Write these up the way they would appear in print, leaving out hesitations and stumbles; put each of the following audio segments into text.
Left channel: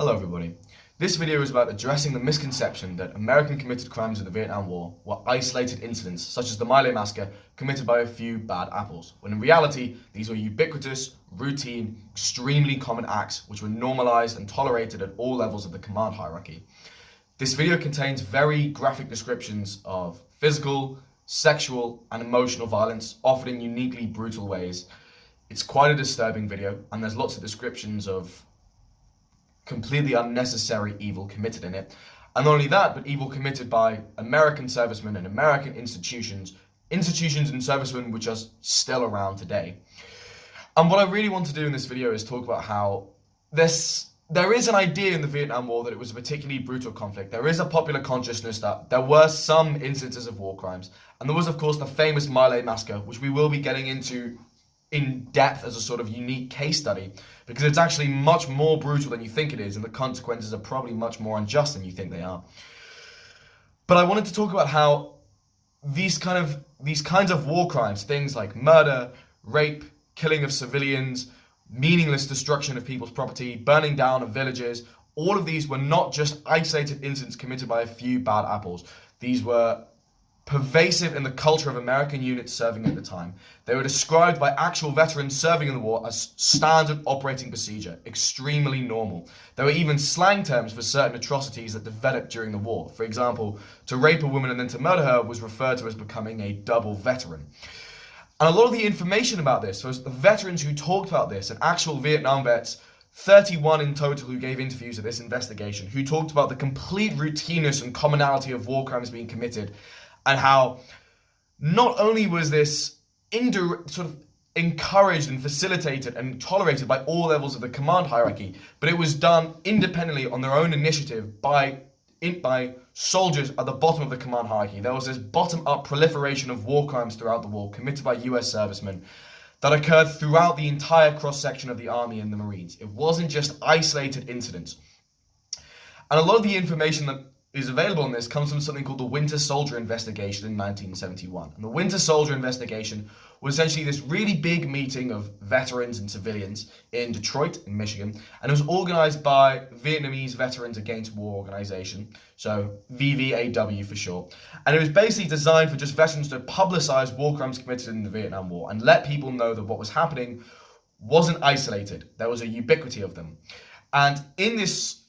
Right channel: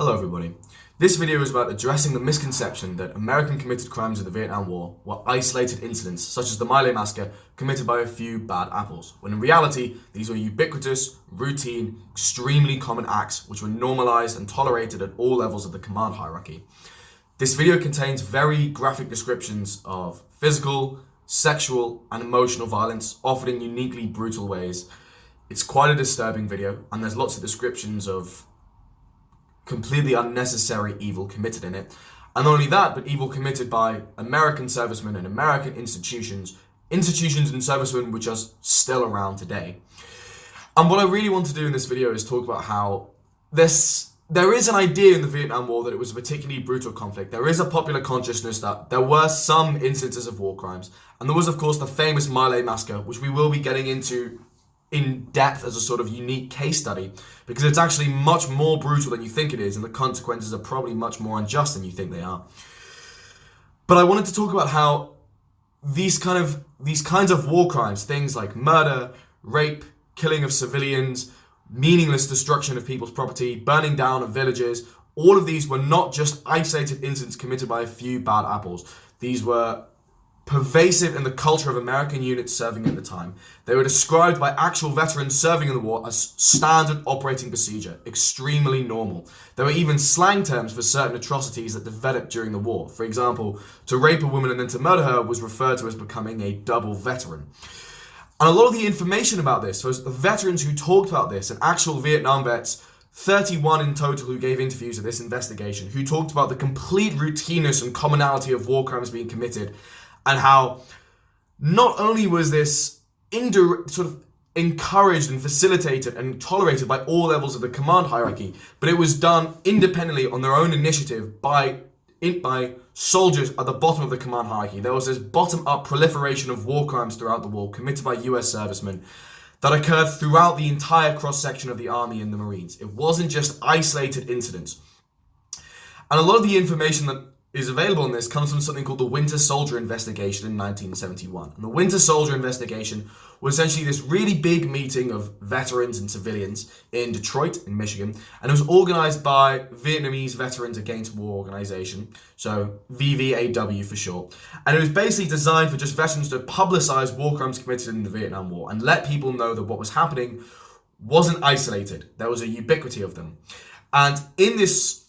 Hello everybody. This video is about addressing the misconception that American committed crimes in the Vietnam War were isolated incidents such as the My Lai massacre committed by a few bad apples, when in reality these were ubiquitous, routine, extremely common acts which were normalized and tolerated at all levels of the command hierarchy. This video contains very graphic descriptions of physical, sexual and emotional violence, often in uniquely brutal ways. It's quite a disturbing video and there's lots of descriptions of completely unnecessary evil committed in it. And not only that, but evil committed by American servicemen and American institutions and servicemen which are still around today. And what I really want to do in this video is talk about how there is an idea in the Vietnam War that it was a particularly brutal conflict. There is a popular consciousness that there were some instances of war crimes. And there was, of course, the famous My Lai massacre, which we will be getting into in depth as a sort of unique case study, because it's actually much more brutal than you think it is, and the consequences are probably much more unjust than you think they are. But I wanted to talk about how these kinds of war crimes, things like murder, rape, killing of civilians, meaningless destruction of people's property, burning down of villages, all of these were not just isolated incidents committed by a few bad apples. These were pervasive in the culture of American units serving at the time. They were described by actual veterans serving in the war as standard operating procedure, extremely normal. There were even slang terms for certain atrocities that developed during the war. For example, to rape a woman and then to murder her was referred to as becoming a double veteran. And a lot of the information about this was the veterans who talked about this, and actual Vietnam vets, 31 in total who gave interviews at this investigation, who talked about the complete routineness and commonality of war crimes being committed, and how not only was this sort of encouraged and facilitated and tolerated by all levels of the command hierarchy, but it was done independently on their own initiative by soldiers at the bottom of the command hierarchy. There was this bottom-up proliferation of war crimes throughout the war committed by US servicemen that occurred throughout the entire cross-section of the Army and the Marines. It wasn't just isolated incidents. And a lot of the information that is available in this comes from something called the Winter Soldier Investigation in 1971. And the Winter Soldier Investigation was essentially this really big meeting of veterans and civilians in Detroit, in Michigan, and it was organized by Vietnamese Veterans Against War Organization, so VVAW for short. And it was basically designed for just veterans to publicize war crimes committed in the Vietnam War and let people know that what was happening wasn't isolated. There was a ubiquity of them. And in this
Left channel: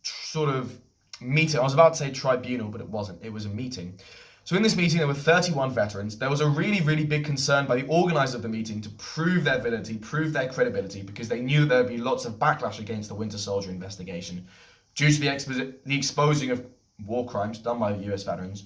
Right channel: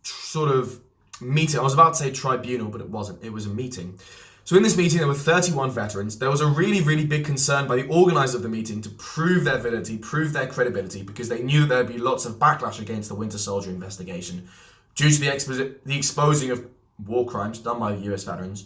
sort of meeting, I was about to say tribunal, but it wasn't. It was a meeting. So in this meeting, there were 31 veterans. There was a really, really big concern by the organizers of the meeting to prove their validity, prove their credibility, because they knew that there would be lots of backlash against the Winter Soldier Investigation due to the exposing of war crimes done by the US veterans.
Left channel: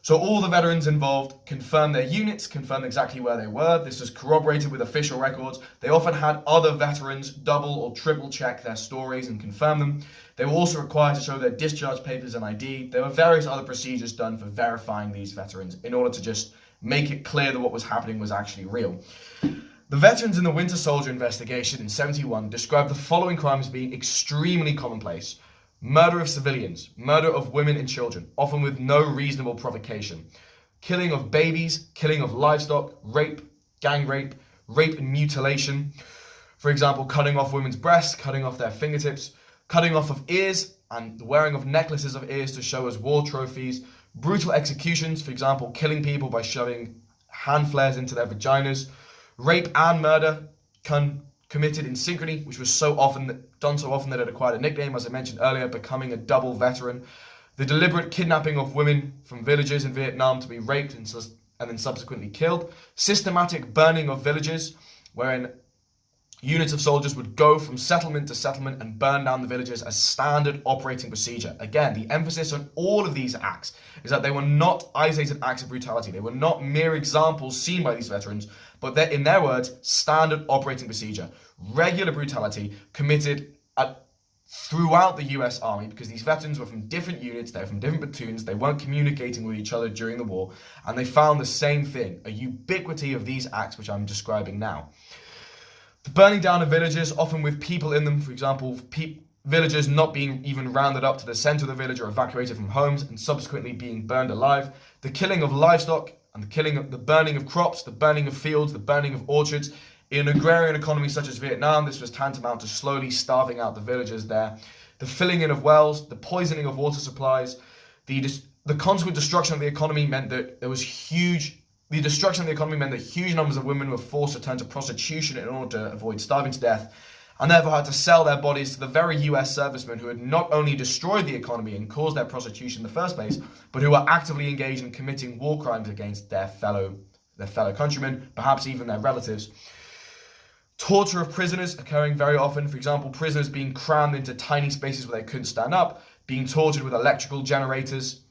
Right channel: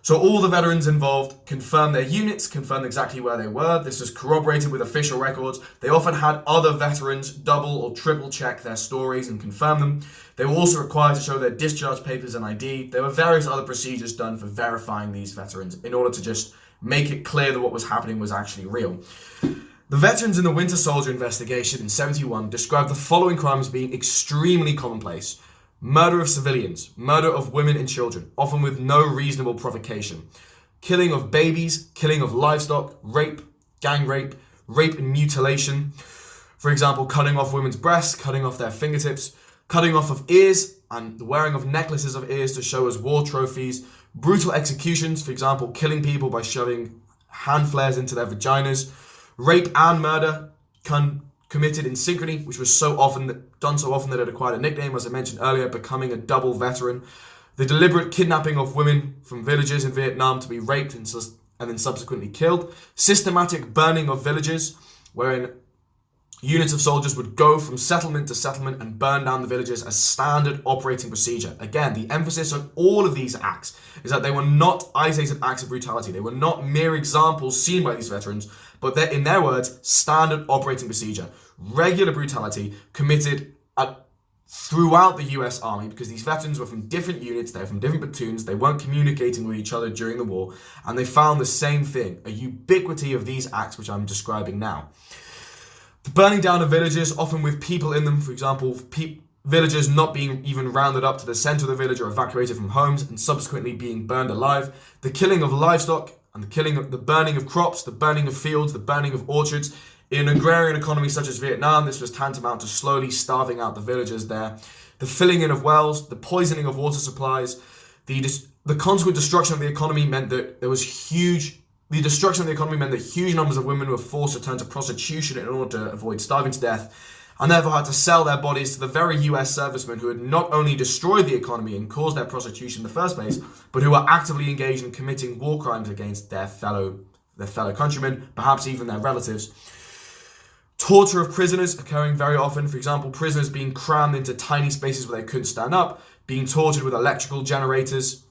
So all the veterans involved confirmed their units, confirmed exactly where they were. This was corroborated with official records. They often had other veterans double or triple check their stories and confirm them. They were also required to show their discharge papers and ID. There were various other procedures done for verifying these veterans in order to just make it clear that what was happening was actually real. The veterans in the Winter Soldier Investigation in 71 described the following crimes being extremely commonplace: murder of civilians, murder of women and children, often with no reasonable provocation, killing of babies, killing of livestock, rape, gang rape, rape and mutilation. For example, cutting off women's breasts, cutting off their fingertips, cutting off of ears and the wearing of necklaces of ears to show as war trophies, brutal executions, for example, killing people by shoving hand flares into their vaginas, rape and murder committed in synchrony, which was done so often that it acquired a nickname, as I mentioned earlier, becoming a double veteran. The deliberate kidnapping of women from villages in Vietnam to be raped and then subsequently killed. Systematic burning of villages, wherein units of soldiers would go from settlement to settlement and burn down the villages as standard operating procedure. Again, the emphasis on all of these acts is that they were not isolated acts of brutality. They were not mere examples seen by these veterans, but they're, in their words, standard operating procedure. Regular brutality committed throughout the US Army, because these veterans were from different units, they were from different platoons, they weren't communicating with each other during the war, and they found the same thing, a ubiquity of these acts which I'm describing now. The burning down of villages, often with people in them, for example, villagers not being even rounded up to the center of the village or evacuated from homes and subsequently being burned alive. The killing of livestock and the burning of crops, the burning of fields, the burning of orchards. In an agrarian economy such as Vietnam, this was tantamount to slowly starving out the villagers there. The filling in of wells, the poisoning of water supplies, the consequent destruction of the economy meant that the destruction of the economy meant that huge numbers of women were forced to turn to prostitution in order to avoid starving to death, and therefore had to sell their bodies to the very US servicemen who had not only destroyed the economy and caused their prostitution in the first place, but who were actively engaged in committing war crimes against their fellow countrymen, perhaps even their relatives. Torture of prisoners occurring very often. For example, prisoners being crammed into tiny spaces where they couldn't stand up, being tortured with electrical generators.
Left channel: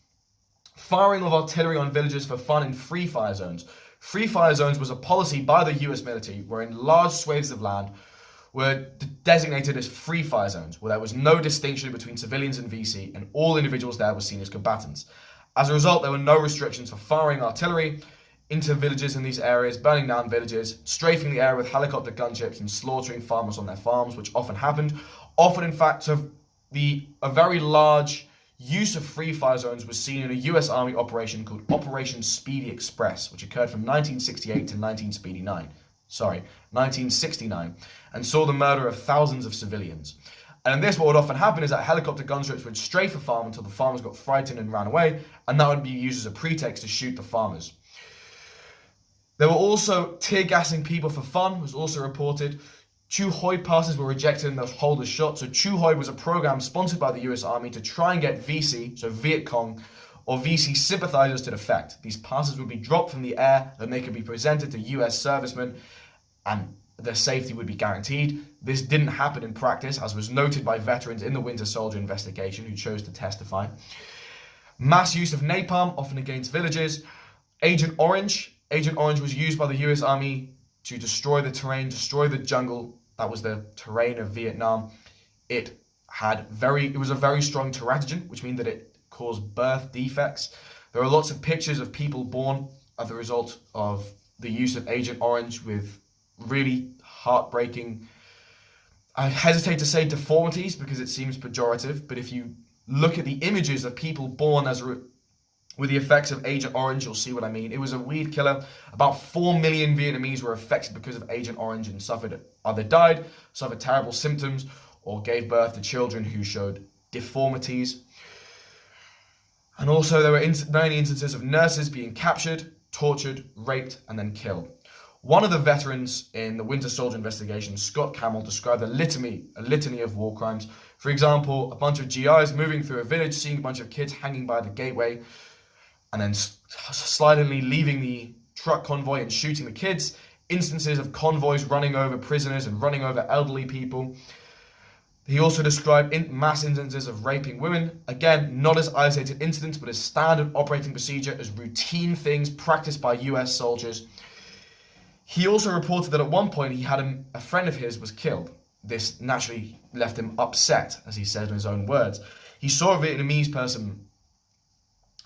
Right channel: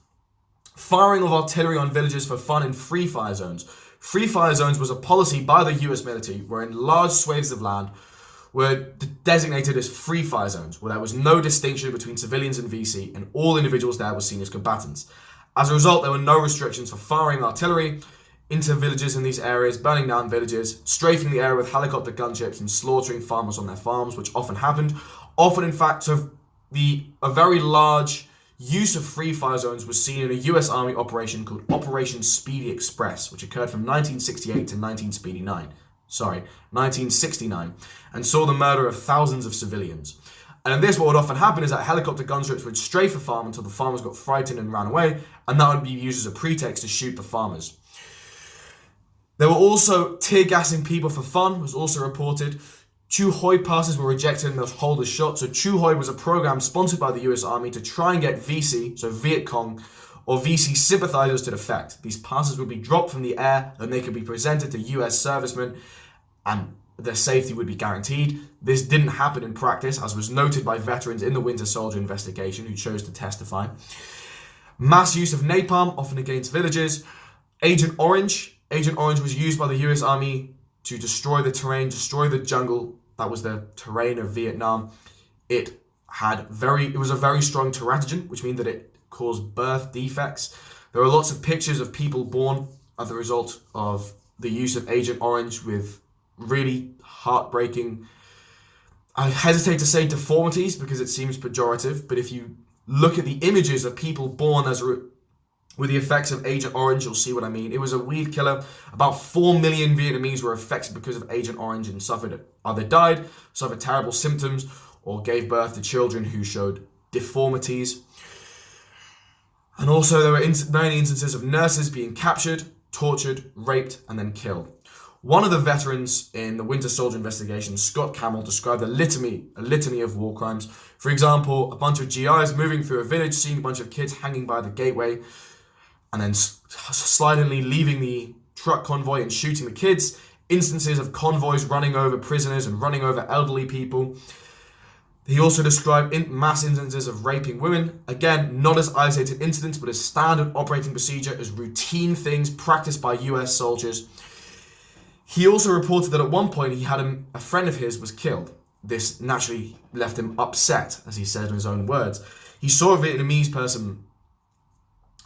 Firing of artillery on villages for fun in free fire zones. Free fire zones was a policy by the US military wherein large swathes of land were designated as free fire zones, where there was no distinction between civilians and VC, and all individuals there were seen as combatants. As a result, there were no restrictions for firing artillery into villages in these areas, burning down villages, strafing the area with helicopter gunships, and slaughtering farmers on their farms, which often happened. Often, in fact, so a very large use of free fire zones was seen in a US Army operation called Operation Speedy Express, which occurred from 1968 to 1969, and saw the murder of thousands of civilians. And in this, what would often happen is that helicopter gunships would strafe a farm until the farmers got frightened and ran away, and that would be used as a pretext to shoot the farmers. There were also tear gassing people for fun, was also reported. Chu Hoi passes were rejected and the holders shot. So Chu Hoi was a program sponsored by the US Army to try and get VC, so Viet Cong, or VC sympathizers to defect. These passes would be dropped from the air and they could be presented to US servicemen and their safety would be guaranteed. This didn't happen in practice, as was noted by veterans in the Winter Soldier investigation who chose to testify. Mass use of napalm, often against villages. Agent Orange was used by the US Army to destroy the terrain, destroy the jungle. That was the terrain of Vietnam. It was a very strong teratogen, which means that it caused birth defects. There are lots of pictures of people born as a result of the use of Agent Orange with really heartbreaking, I hesitate to say deformities because it seems pejorative, but if you look at the images of people born with the effects of Agent Orange, you'll see what I mean. It was a weed killer. About 4 million Vietnamese were affected because of Agent Orange and either died, suffered terrible symptoms, or gave birth to children who showed deformities. And also there were many instances of nurses being captured, tortured, raped, and then killed. One of the veterans in the Winter Soldier investigation, Scott Camel, described a litany of war crimes. For example, a bunch of GIs moving through a village, seeing a bunch of kids hanging by the gateway, and then silently leaving the truck convoy and shooting the kids. Instances of convoys running over prisoners and running over elderly people. He also described mass instances of raping women. Again, not as isolated incidents, but as standard operating procedure, as routine things practiced by US soldiers. He also reported that at one point he had a friend of his was killed. This naturally left him upset, as he said in his own words. He saw a Vietnamese person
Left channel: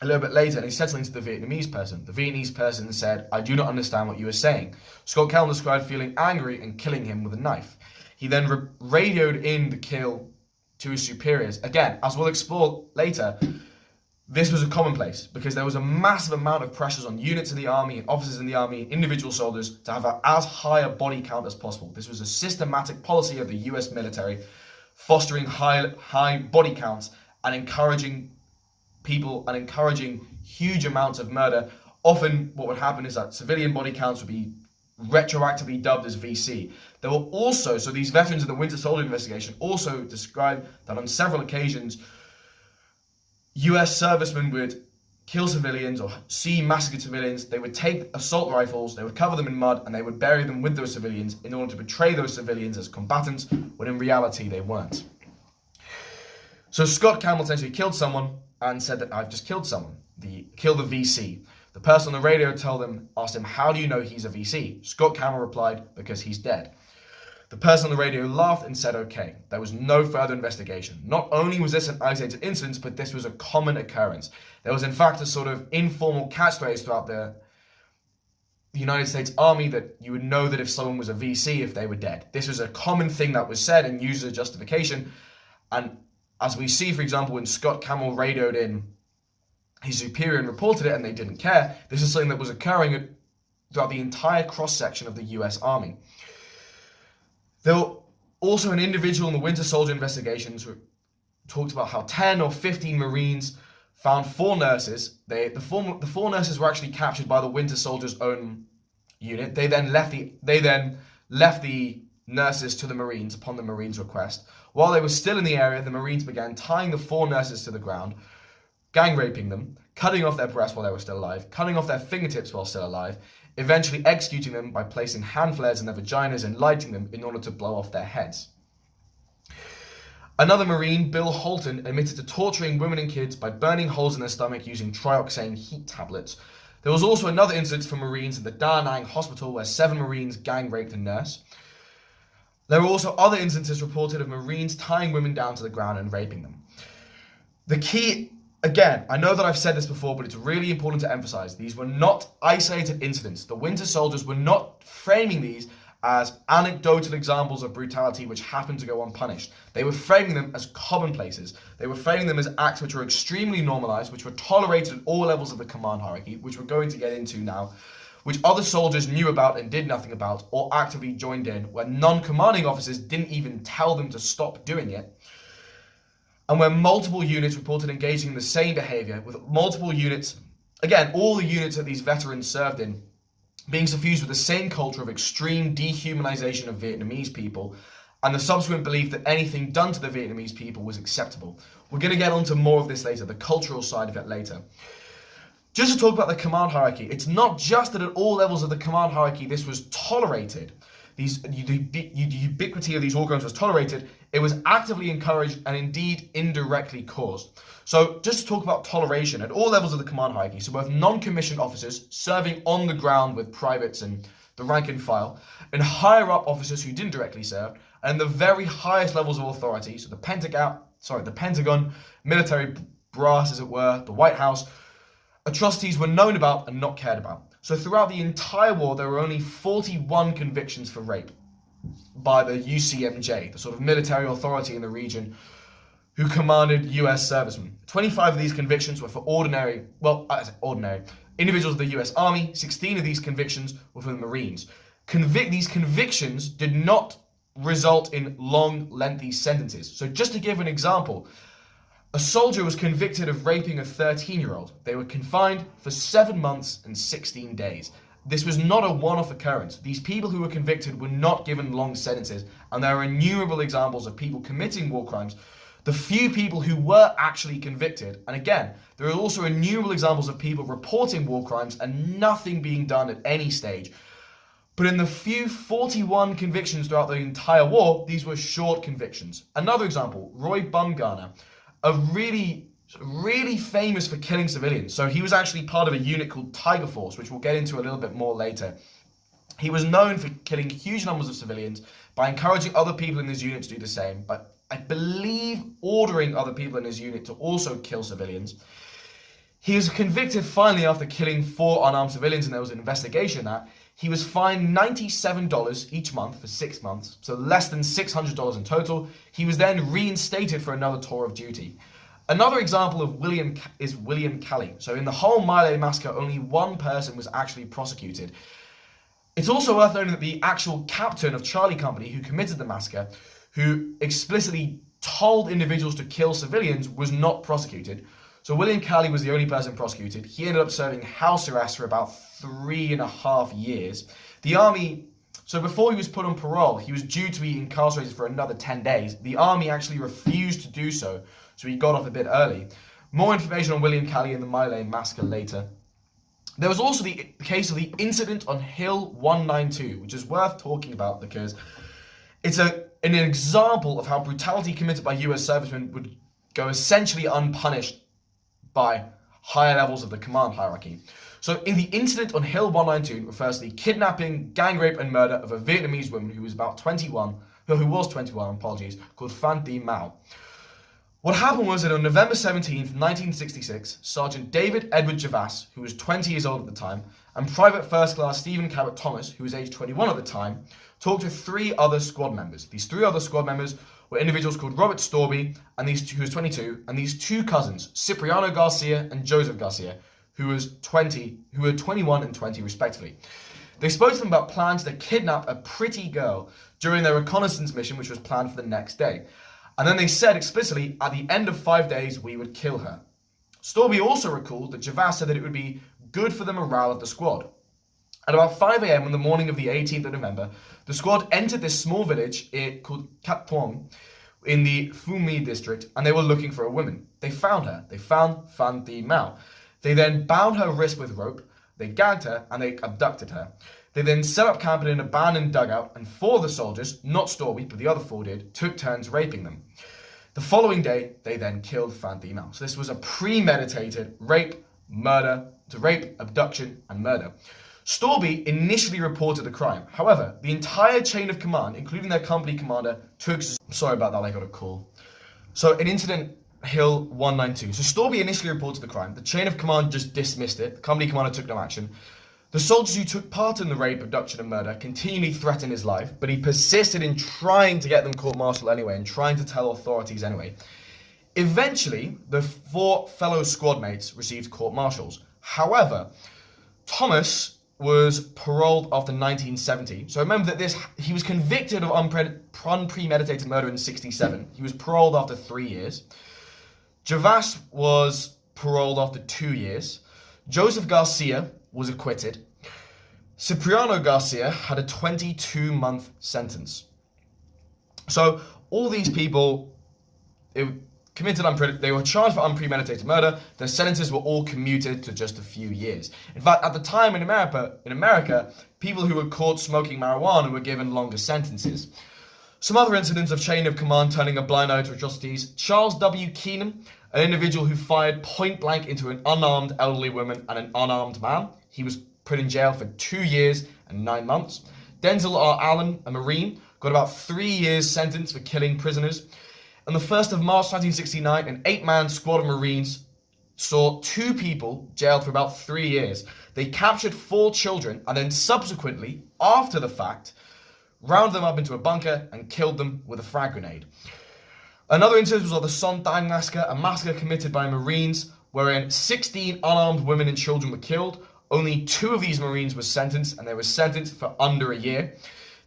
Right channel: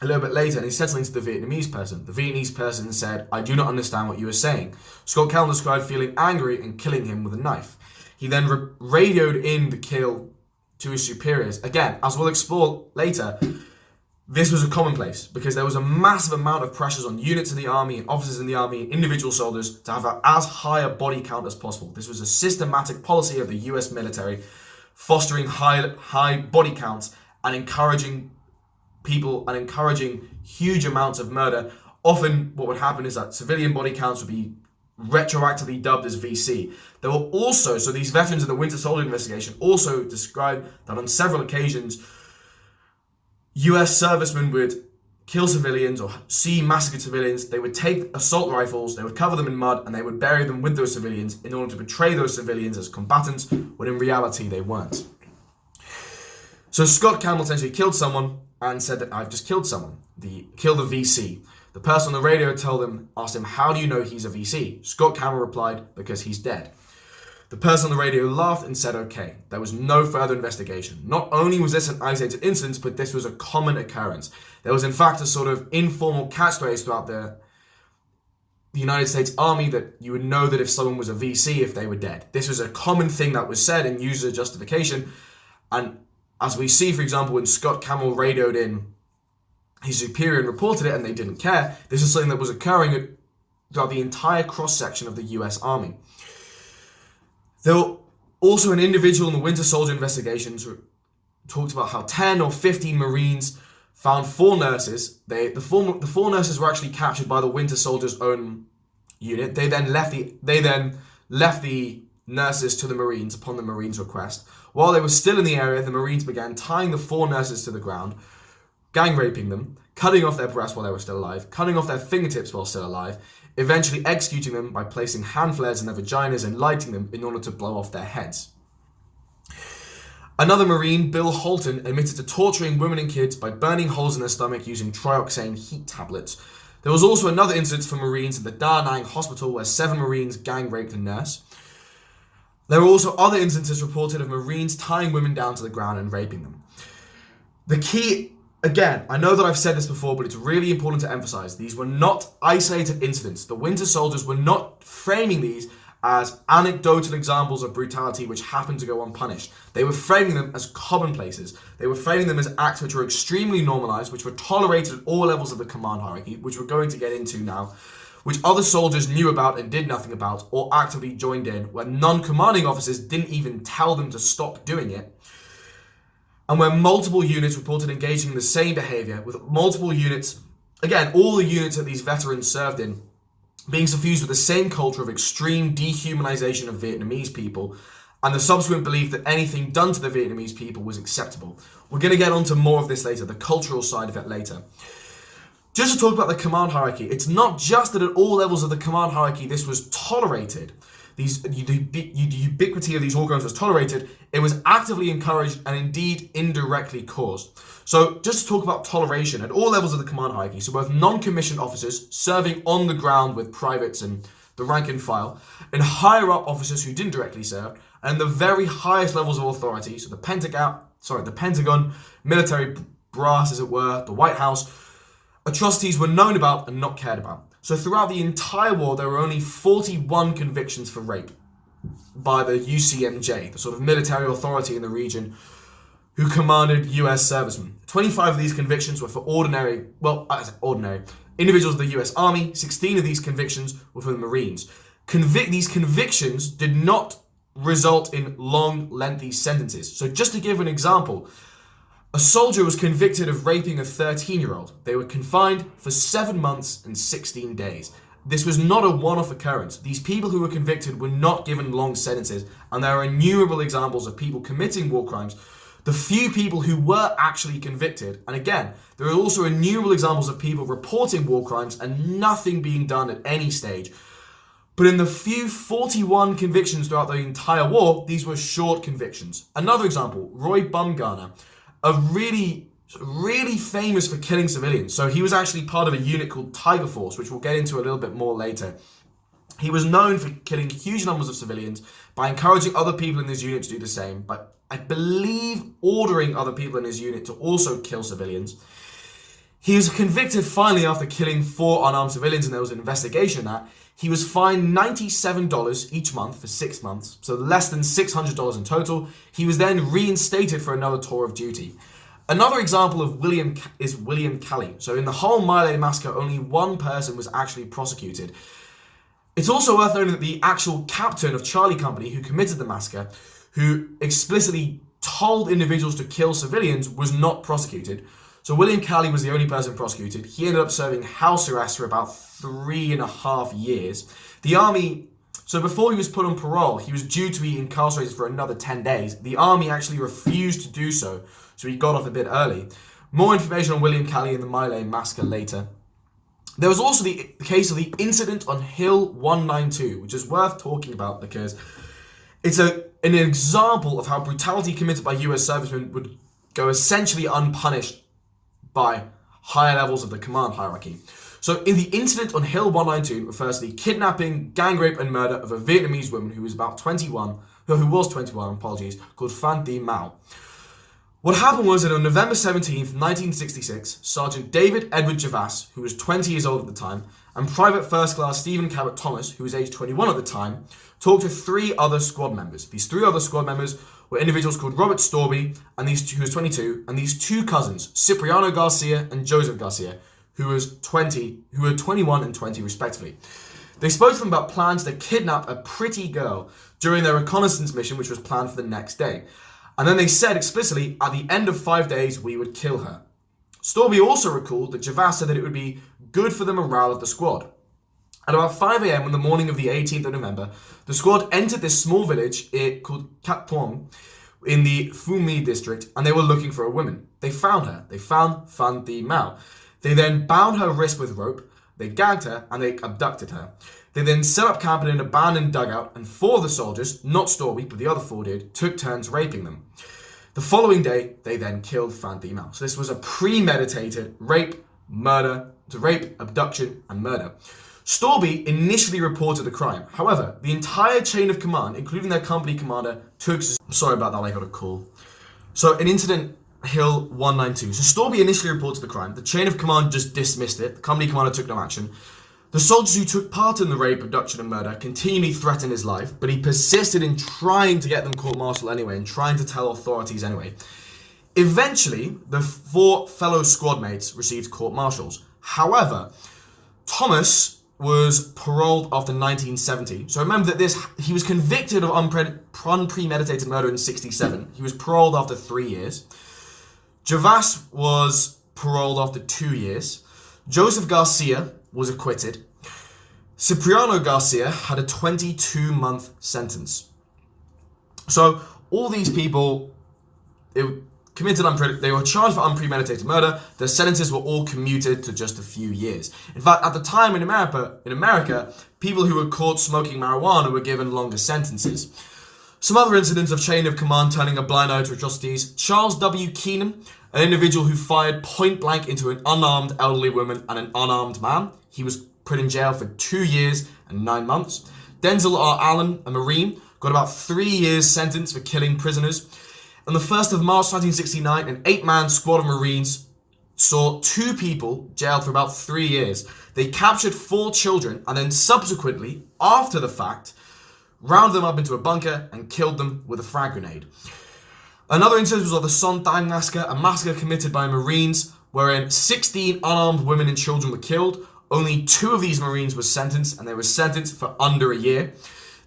a little bit later, and he said something to the Vietnamese person. The Vietnamese person said, "I do not understand what you are saying." Scott Kelln described feeling angry and killing him with a knife. He then radioed in the kill to his superiors. Again, as we'll explore later, this was a commonplace because there was a massive amount of pressures on units in the army and officers in the army and individual soldiers to have as high a body count as possible. This was a systematic policy of the US military, fostering high body counts and encouraging people and encouraging huge amounts of murder. Often what would happen is that civilian body counts would be retroactively dubbed as VC. There were also, so these veterans of the Winter Soldier investigation also described that on several occasions, US servicemen would kill civilians or see massacred civilians. They would take assault rifles, they would cover them in mud, and they would bury them with those civilians in order to portray those civilians as combatants, when in reality they weren't. So Scott Campbell essentially killed someone and said that I've just killed someone. Killed a VC. The person on the radio asked him, "How do you know he's a VC?" Scott Campbell replied, "Because he's dead." The person on the radio laughed and said, "Okay." There was no further investigation. Not only was this an isolated incident, but this was a common occurrence. There was in fact a sort of informal catchphrase throughout the United States Army that you would know that if someone was a VC if they were dead. This was a common thing that was said and used as a justification. And as we see, for example, when Scott Campbell radioed in his superior and reported it and they didn't care, this is something that was occurring throughout the entire cross-section of the US Army. There were also an individual in the Winter Soldier investigations who talked about how 10 or 15 Marines found 4 nurses. The 4 nurses were actually captured by the Winter Soldier's own unit. They then left the nurses to the Marines upon the Marines' request. While they were still in the area, the Marines began tying the 4 nurses to the ground, gang raping them, cutting off their breasts while they were still alive, cutting off their fingertips while still alive, eventually executing them by placing hand flares in their vaginas and lighting them in order to blow off their heads. Another Marine, Bill Holton, admitted to torturing women and kids by burning holes in their stomach using trioxane heat tablets. There was also another incident for Marines at the Da Nang hospital where 7 Marines gang raped a nurse. There were also other instances reported of Marines tying women down to the ground and raping them. The key, again, I know that I've said this before, but it's really important to emphasize, these were not isolated incidents. The Winter Soldiers were not framing these as anecdotal examples of brutality which happened to go unpunished. They were framing them as commonplaces. They were framing them as acts which were extremely normalized, which were tolerated at all levels of the command hierarchy, which we're going to get into now, which other soldiers knew about and did nothing about, or actively joined in, where non-commanding officers didn't even tell them to stop doing it, and where multiple units reported engaging in the same behavior, with multiple units, again, all the units that these veterans served in, being suffused with the same culture of extreme dehumanization of Vietnamese people, and the subsequent belief that anything done to the Vietnamese people was acceptable. We're going to get onto more of this later, the cultural side of it later. Just to talk about the command hierarchy, it's not just that at all levels of the command hierarchy this was tolerated, the ubiquity of these war crimes was tolerated, it was actively encouraged and indeed indirectly caused. So just to talk about toleration at all levels of the command hierarchy, so both non-commissioned officers serving on the ground with privates and the rank and file, and higher up officers who didn't directly serve, and the very highest levels of authority, so the Pentagon, military brass as it were, the White House, atrocities were known about and not cared about. So throughout the entire war, there were only 41 convictions for rape by the UCMJ, the sort of military authority in the region who commanded US servicemen. 25 of these convictions were for ordinary individuals of the US Army. 16 of these convictions were for the Marines. These convictions did not result in long, lengthy sentences. So just to give an example, a soldier was convicted of raping a 13-year-old. They were confined for 7 months and 16 days. This was not a one-off occurrence. These people who were convicted were not given long sentences, and there are innumerable examples of people committing war crimes. The few people who were actually convicted, and again, there are also innumerable examples of people reporting war crimes and nothing being done at any stage. But in the few 41 convictions throughout the entire war, these were short convictions. Another example, Roy Bumgarner, a really famous for killing civilians. So he was actually part of a unit called Tiger Force, which we'll get into a little bit more later. He was known for killing huge numbers of civilians by encouraging other people in his unit to do the same, but I believe ordering other people in his unit to also kill civilians. He was convicted finally after killing 4 unarmed civilians, and there was an investigation that he was fined $97 each month for 6 months, so less than $600 in total. He was then reinstated for another tour of duty. Another example of William Kelly. So in the whole My Lai massacre, only 1 person was actually prosecuted. It's also worth noting that the actual captain of Charlie Company who committed the massacre, who explicitly told individuals to kill civilians, was not prosecuted. So William Kelly was the only person prosecuted. He ended up serving house arrest for about 3.5 years. The army, so before he was put on parole, he was due to be incarcerated for another 10 days. The army actually refused to do so, so he got off a bit early. More information on William Kelly and the My Lai massacre later. There was also the case of the incident on Hill 192, which is worth talking about because it's an example of how brutality committed by US servicemen would go essentially unpunished by higher levels of the command hierarchy. So in the incident on Hill 192 refers to the kidnapping, gang rape and murder of a Vietnamese woman who was 21, called Phan Thi Mao. What happened was that on November 17th, 1966, Sergeant David Edward Javas, who was 20 years old at the time, and Private First Class Stephen Cabot Thomas, who was aged 21 at the time, talked to 3 other squad members. These 3 other squad members were individuals called Robert Storby, who was 22, and these 2 cousins, Cipriano Garcia and Joseph Garcia, who were 21 and 20 respectively. They spoke to them about plans to kidnap a pretty girl during their reconnaissance mission, which was planned for the next day. And then they said explicitly, at the end of 5 days, we would kill her. Storby also recalled that Javas said that it would be good for the morale of the squad. At about 5 a.m. on the morning of the 18th of November, the squad entered this small village called Cat Thuong in the Phu My district, and they were looking for a woman. They found her. They found Phan Thi Mao. They then bound her wrist with rope, they gagged her, and they abducted her. They then set up camp in an abandoned dugout, and 4 of the soldiers, not Storby, but the other 4 did, took turns raping them. The following day, they then killed Phan Thi Mao. So this was a premeditated rape, abduction, and murder. Storby initially reported the crime. However, the entire chain of command, including their company commander, took... Sorry about that, I got a call. So, in Incident Hill 192. So, Storby initially reported the crime. The chain of command just dismissed it. The company commander took no action. The soldiers who took part in the rape, abduction, and murder continually threatened his life, but he persisted in trying to get them court-martialed anyway and trying to tell authorities anyway. Eventually, the 4 fellow squad mates received court-martials. However, Thomas was paroled after 1970. So remember that he was convicted of unpremeditated murder in 67. He was paroled after 3 years. Javas was paroled after 2 years. Joseph Garcia was acquitted. Cipriano Garcia had a 22-month sentence. So all these people, they were charged for unpremeditated murder. Their sentences were all commuted to just a few years. In fact, at the time in America, people who were caught smoking marijuana were given longer sentences. Some other incidents of chain of command turning a blind eye to atrocities. Charles W. Keenan, an individual who fired point blank into an unarmed elderly woman and an unarmed man. He was put in jail for 2 years and 9 months. Denzel R. Allen, a Marine, got about 3 years sentence for killing prisoners. On the 1st of March 1969, an 8-man squad of Marines saw 2 people jailed for about 3 years. They captured 4 children and then subsequently, after the fact, rounded them up into a bunker and killed them with a frag grenade. Another incident was of the Son Tang massacre, a massacre committed by Marines wherein 16 unarmed women and children were killed. Only 2 of these Marines were sentenced, and they were sentenced for under a year.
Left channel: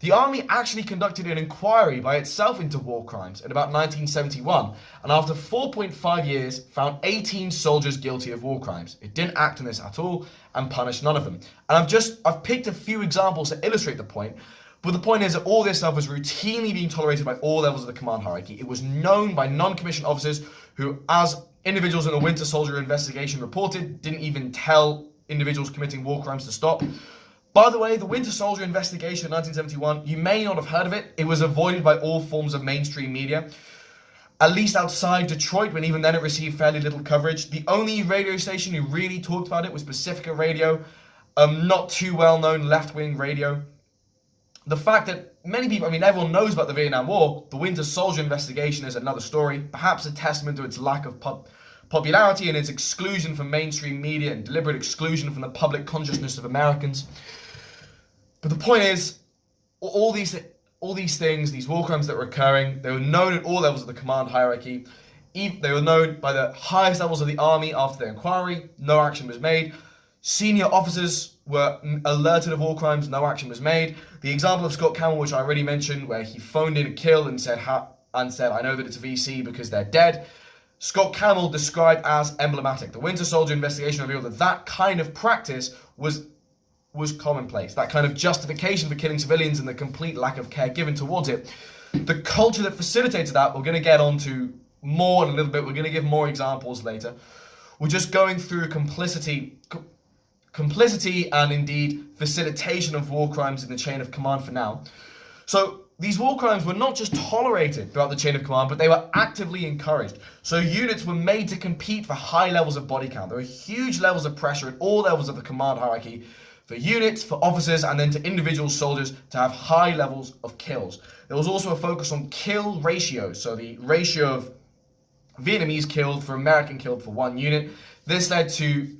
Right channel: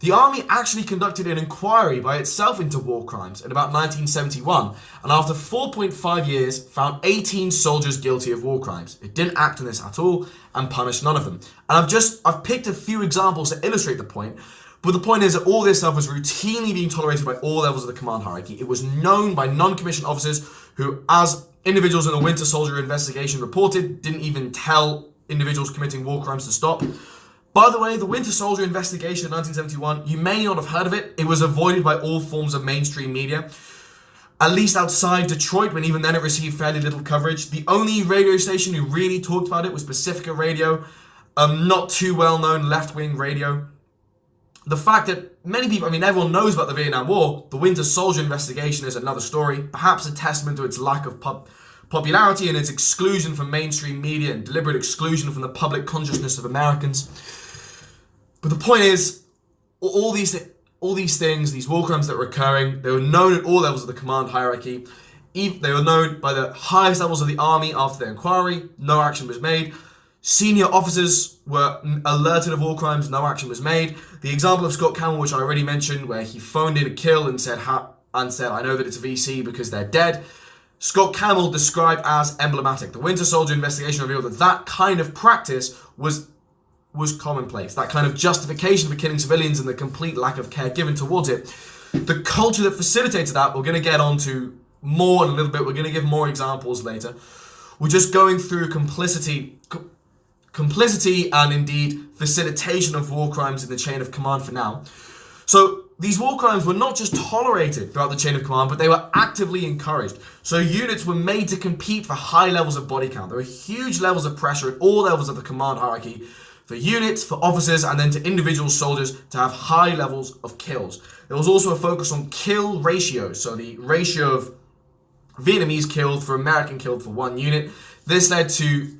The army actually conducted an inquiry by itself into war crimes in about 1971, and after 4.5 years, found 18 soldiers guilty of war crimes. It didn't act on this at all and punished none of them. And I've picked a few examples to illustrate the point, but the point is that all this stuff was routinely being tolerated by all levels of the command hierarchy. It was known by non-commissioned officers who, as individuals in a Winter Soldier investigation reported, didn't even tell individuals committing war crimes to stop. By the way, the Winter Soldier investigation in 1971, you may not have heard of it. It was avoided by all forms of mainstream media, at least outside Detroit, when even then it received fairly little coverage. The only radio station who really talked about it was Pacifica Radio, not too well-known left-wing radio. The fact that many people, everyone knows about the Vietnam War, the Winter Soldier investigation is another story, perhaps a testament to its lack of popularity and its exclusion from mainstream media and deliberate exclusion from the public consciousness of Americans. But the point is, all these things, these war crimes that were occurring, they were known at all levels of the command hierarchy. They were known by the highest levels of the army after the inquiry. No action was made. Senior officers were alerted of war crimes. No action was made. The example of Scott Campbell, which I already mentioned, where he phoned in a kill and said, I know that it's a VC because they're dead. Scott Campbell described as emblematic. The Winter Soldier investigation revealed that kind of practice was commonplace. That kind of justification for killing civilians and the complete lack of care given towards it. The culture that facilitated that, we're going to get onto more in a little bit. We're going to give more examples later. We're just going through complicity and indeed facilitation of war crimes in the chain of command for now. So these war crimes were not just tolerated throughout the chain of command, but they were actively encouraged. So units were made to compete for high levels of body count. There were huge levels of pressure at all levels of the command hierarchy for units, for officers, and then to individual soldiers to have high levels of kills. There was also a focus on kill ratios, so the ratio of Vietnamese killed for American killed for one unit. This led to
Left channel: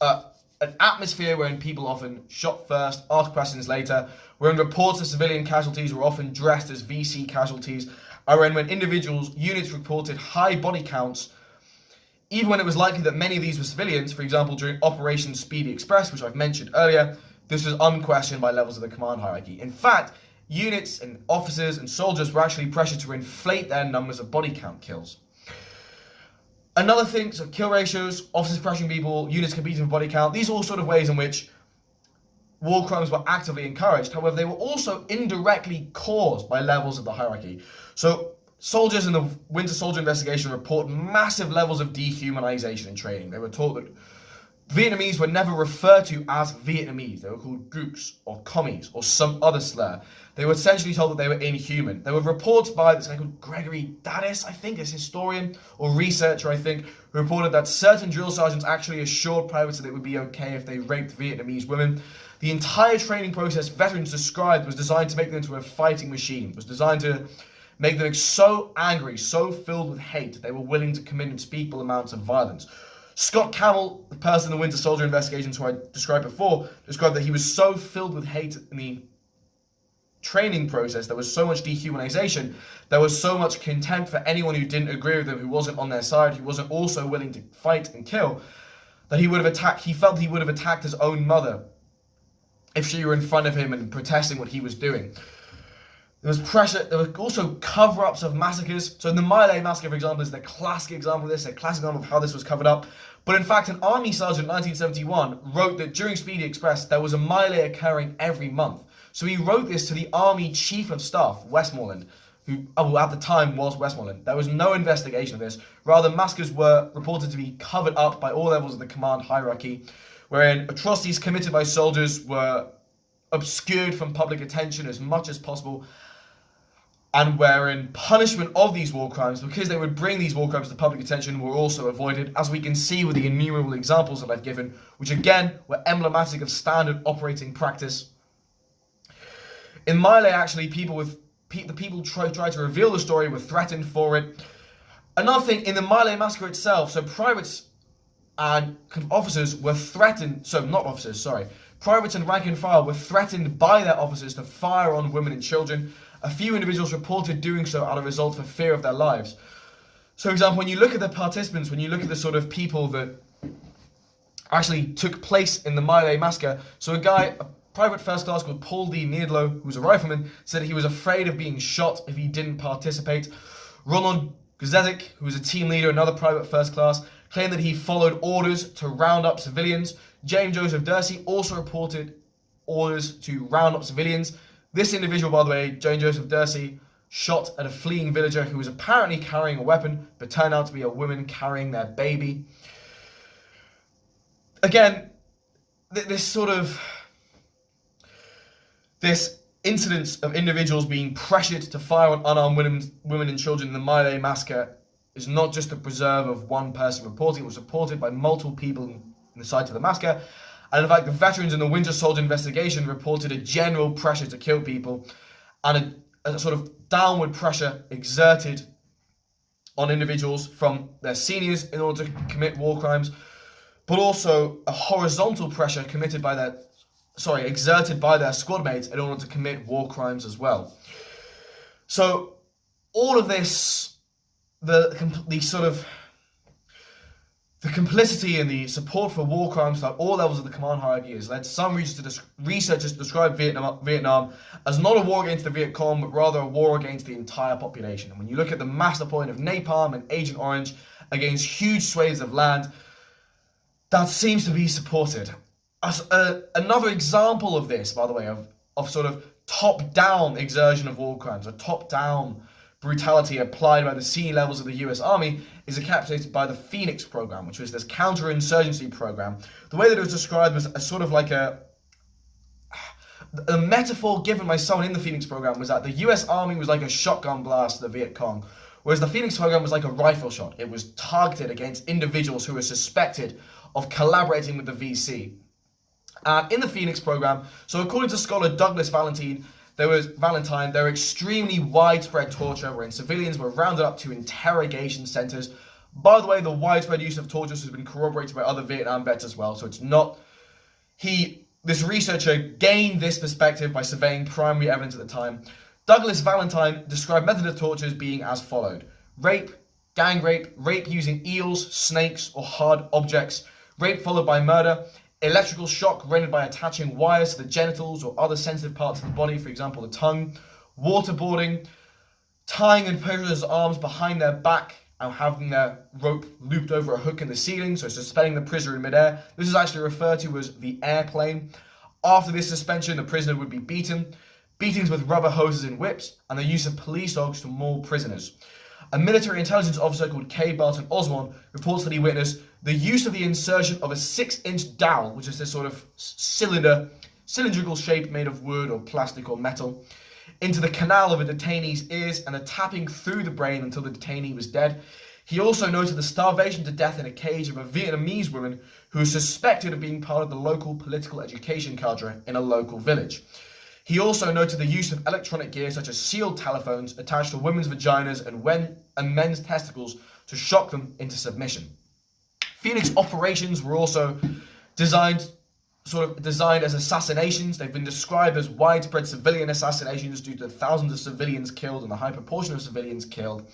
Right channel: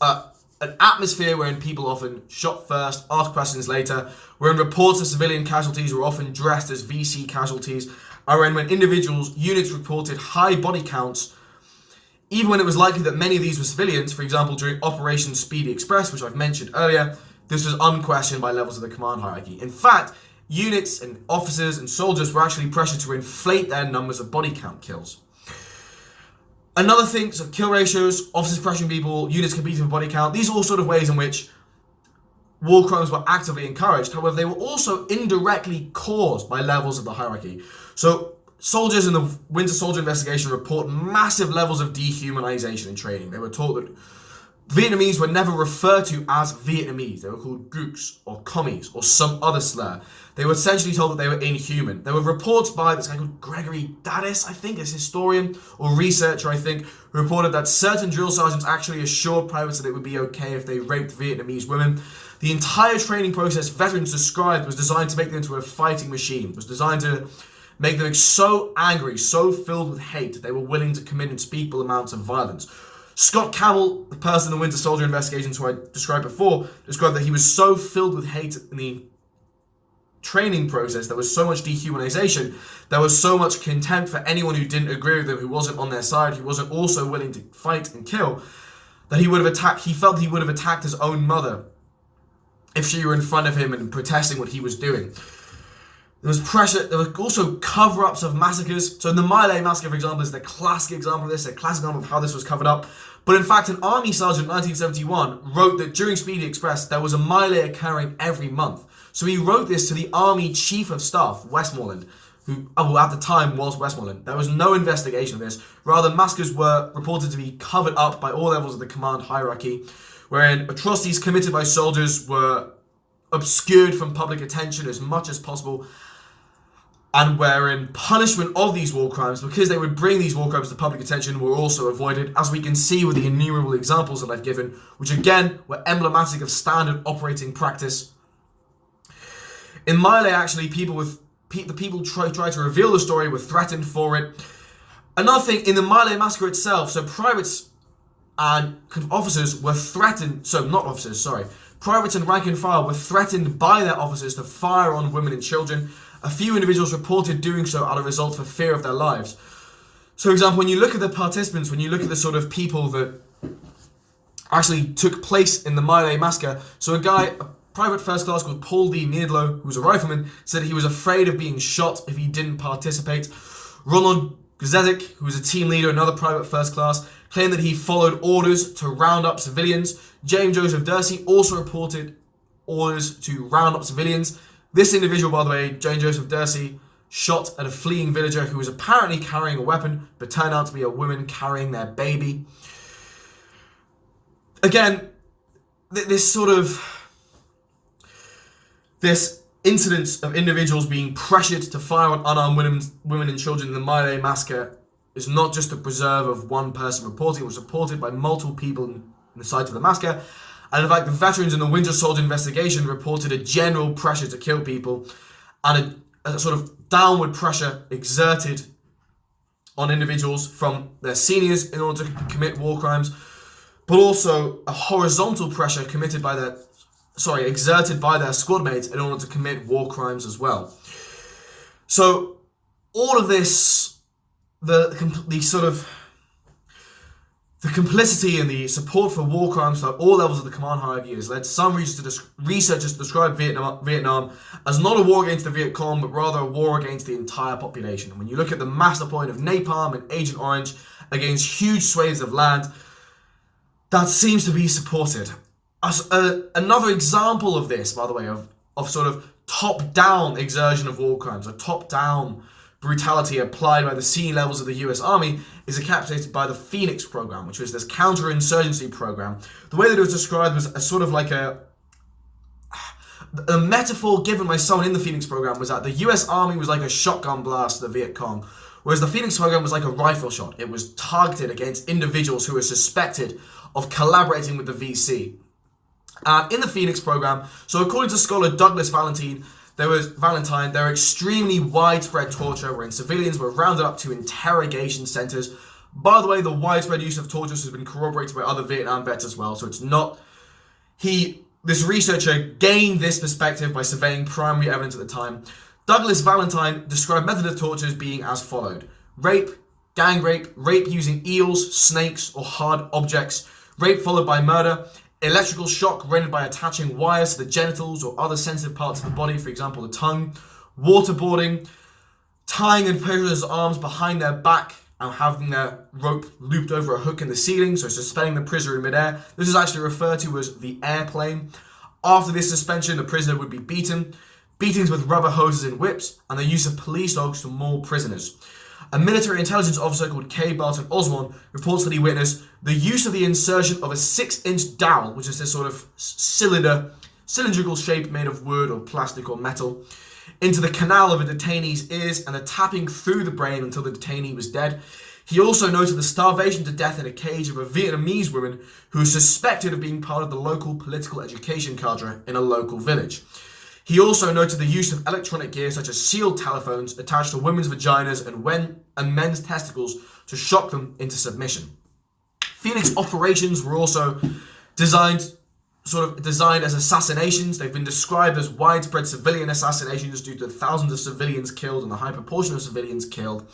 an atmosphere wherein people often shot first, asked questions later, wherein reports of civilian casualties were often dressed as VC casualties, and when units reported high body counts, even when it was likely that many of these were civilians. For example, during Operation Speedy Express, which I've mentioned earlier, this was unquestioned by levels of the command hierarchy. In fact, units and officers and soldiers were actually pressured to inflate their numbers of body count kills. Another thing, so kill ratios, officers pressuring people, units competing for body count, these are all sort of ways in which war crimes were actively encouraged. However, they were also indirectly caused by levels of the hierarchy. So soldiers in the Winter Soldier investigation report massive levels of dehumanization in training. They were taught that Vietnamese were never referred to as Vietnamese. They were called Gooks or Commies or some other slur. They were essentially told that they were inhuman. There were reports by this guy called Gregory Daddis, I think, is historian or researcher, I think, who reported that certain drill sergeants actually assured privates that it would be okay if they raped Vietnamese women. The entire training process veterans described was designed to make them into a fighting machine. It was designed to make them so angry, so filled with hate, that they were willing to commit unspeakable amounts of violence. Scott Camel, the person in the Winter Soldier investigations who I described before, described that he was so filled with hate in the training process, there was so much dehumanization, there was so much contempt for anyone who didn't agree with him, who wasn't on their side, who wasn't also willing to fight and kill, that he felt he would have attacked his own mother if she were in front of him and protesting what he was doing. There was pressure, there were also cover-ups of massacres. So in the My Lai massacre, for example, is the classic example of this, a classic example of how this was covered up. But in fact, an army sergeant in 1971 wrote that during Speedy Express, there was a My Lai occurring every month. So he wrote this to the Army Chief of Staff, Westmoreland, who at the time was Westmoreland. There was no investigation of this. Rather, massacres were reported to be covered up by all levels of the command hierarchy, wherein atrocities committed by soldiers were obscured from public attention as much as possible, and wherein punishment of these war crimes, because they would bring these war crimes to public attention, were also avoided, as we can see with the innumerable examples that I've given, which again were emblematic of standard operating practice. In My Lai, actually, the people tried to reveal the story, were threatened for it. Another thing, in the My Lai massacre itself, so privates and officers were threatened, privates and rank and file were threatened by their officers to fire on women and children. A few individuals reported doing so out of result for fear of their lives. So, for example, when you look at the participants, when you look at the sort of people that actually took place in the My Lai massacre, so a private first class called Paul D. Meadlow, who was a rifleman, said he was afraid of being shot if he didn't participate. Ronald Gzezik, who was a team leader, another private first class, claimed that he followed orders to round up civilians. James Joseph Dursey also reported orders to round up civilians. This individual, by the way, James Joseph Dursey, shot at a fleeing villager who was apparently carrying a weapon, but turned out to be a woman carrying their baby. Again, this incidence of individuals being pressured to fire on unarmed women and children in the My Lai massacre is not just the preserve of one person reporting. It was reported by multiple people in the site of the massacre. And in fact, the veterans in the Winter Soldier investigation reported a general pressure to kill people and a sort of downward pressure exerted on individuals from their seniors in order to commit war crimes, but also a horizontal pressure exerted by their squad mates in order to commit war crimes as well. So all of this, the complicity and the support for war crimes at all levels of the command hierarchy has led some researchers to describe Vietnam as not a war against the Viet Cong, but rather a war against the entire population. And when you look at the mass deployment of napalm and Agent Orange against huge swathes of land, that seems to be supported. Another example of this, by the way, of sort of top-down exertion of war crimes, a top-down brutality applied by the senior levels of the US Army, is encapsulated by the Phoenix program, which was this counterinsurgency program. The way that it was described was a sort of like a metaphor given by someone in the Phoenix program was that the US Army was like a shotgun blast to the Viet Cong, whereas the Phoenix program was like a rifle shot. It was targeted against individuals who were suspected of collaborating with the VC. In the Phoenix program, so according to scholar Douglas Valentine, there was extremely widespread torture wherein civilians were rounded up to interrogation centers. By the way, the widespread use of torture has been corroborated by other Vietnam vets as well. So it's not, this researcher gained this perspective by surveying primary evidence at the time. Douglas Valentine described method of torture as being as followed: rape, gang rape, rape using eels, snakes, or hard objects, rape followed by murder, electrical shock rendered by attaching wires to the genitals or other sensitive parts of the body, for example, the tongue, waterboarding, tying in prisoners' arms behind their back and having their rope looped over a hook in the ceiling, so suspending the prisoner in midair. This is actually referred to as the airplane. After this suspension, the prisoner would be beaten. Beatings with rubber hoses and whips, and the use of police dogs to maul prisoners. A military intelligence officer called K. Barton Osborne reports that he witnessed the use of the insertion of a 6-inch dowel, which is this sort of cylindrical shape made of wood or plastic or metal, into the canal of a detainee's ears and the tapping through the brain until the detainee was dead. He also noted the starvation to death in a cage of a Vietnamese woman who was suspected of being part of the local political education cadre in a local village. He also noted the use of electronic gear such as sealed telephones attached to women's vaginas and men's testicles to shock them into submission. Phoenix operations were also designed as assassinations. They've been described as widespread civilian assassinations due to thousands of civilians killed and the high proportion of civilians killed.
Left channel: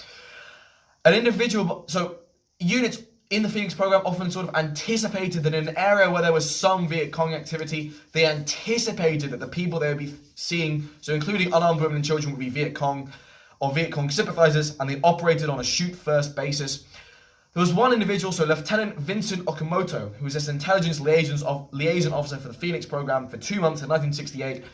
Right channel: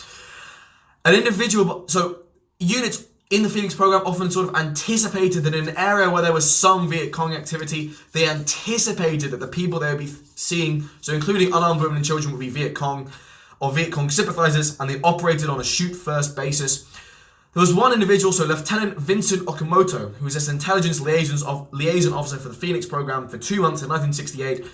Units in the Phoenix program often sort of anticipated that in an area where there was some Viet Cong activity, they anticipated that the people they would be seeing, so including unarmed women and children, would be Viet Cong or Viet Cong sympathizers, and they operated on a shoot-first basis. There was one individual, so Lieutenant Vincent Okamoto, who was this intelligence liaison officer for the Phoenix program for 2 months in 1968,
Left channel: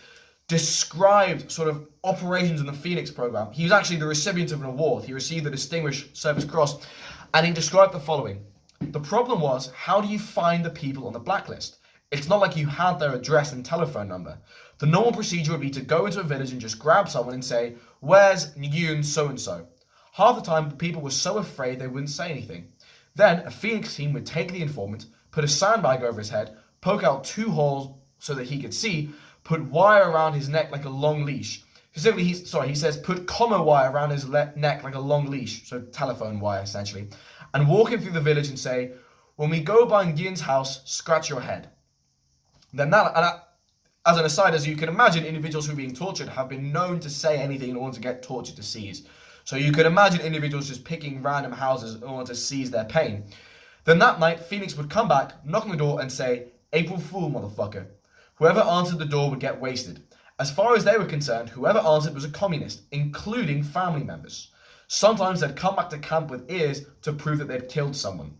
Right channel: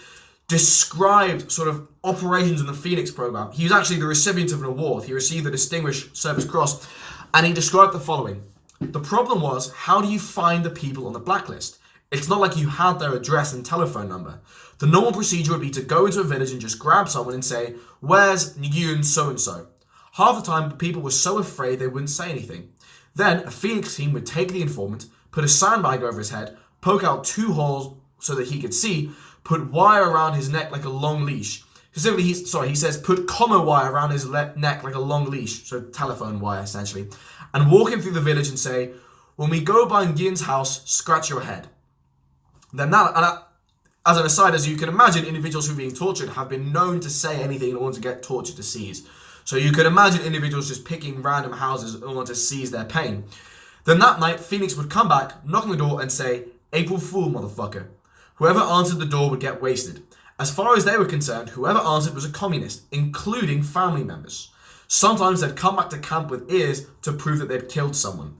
described sort of operations in the Phoenix program. He was actually the recipient of an award. He received the Distinguished Service Cross, and he described the following. The problem was, how do you find the people on the blacklist? It's not like you had their address and telephone number. The normal procedure would be to go into a village and just grab someone and say, "Where's Nguyen so-and-so?" Half the time, people were so afraid they wouldn't say anything. Then, a Phoenix team would take the informant, put a sandbag over his head, poke out 2 holes so that he could see, put wire around his neck like a long leash. Specifically, he says put comma wire around his neck like a long leash, so telephone wire essentially, and walk him through the village and say, "When we go by Nguyen's house, scratch your head." As an aside, as you can imagine, individuals who are being tortured have been known to say anything in order to get tortured to seize. So you can imagine individuals just picking random houses in order to seize their pain. Then that night, Phoenix would come back, knock on the door and say, "April Fool, motherfucker." Whoever answered the door would get wasted. As far as they were concerned, whoever answered was a communist, including family members. Sometimes they'd come back to camp with ears to prove that they'd killed someone.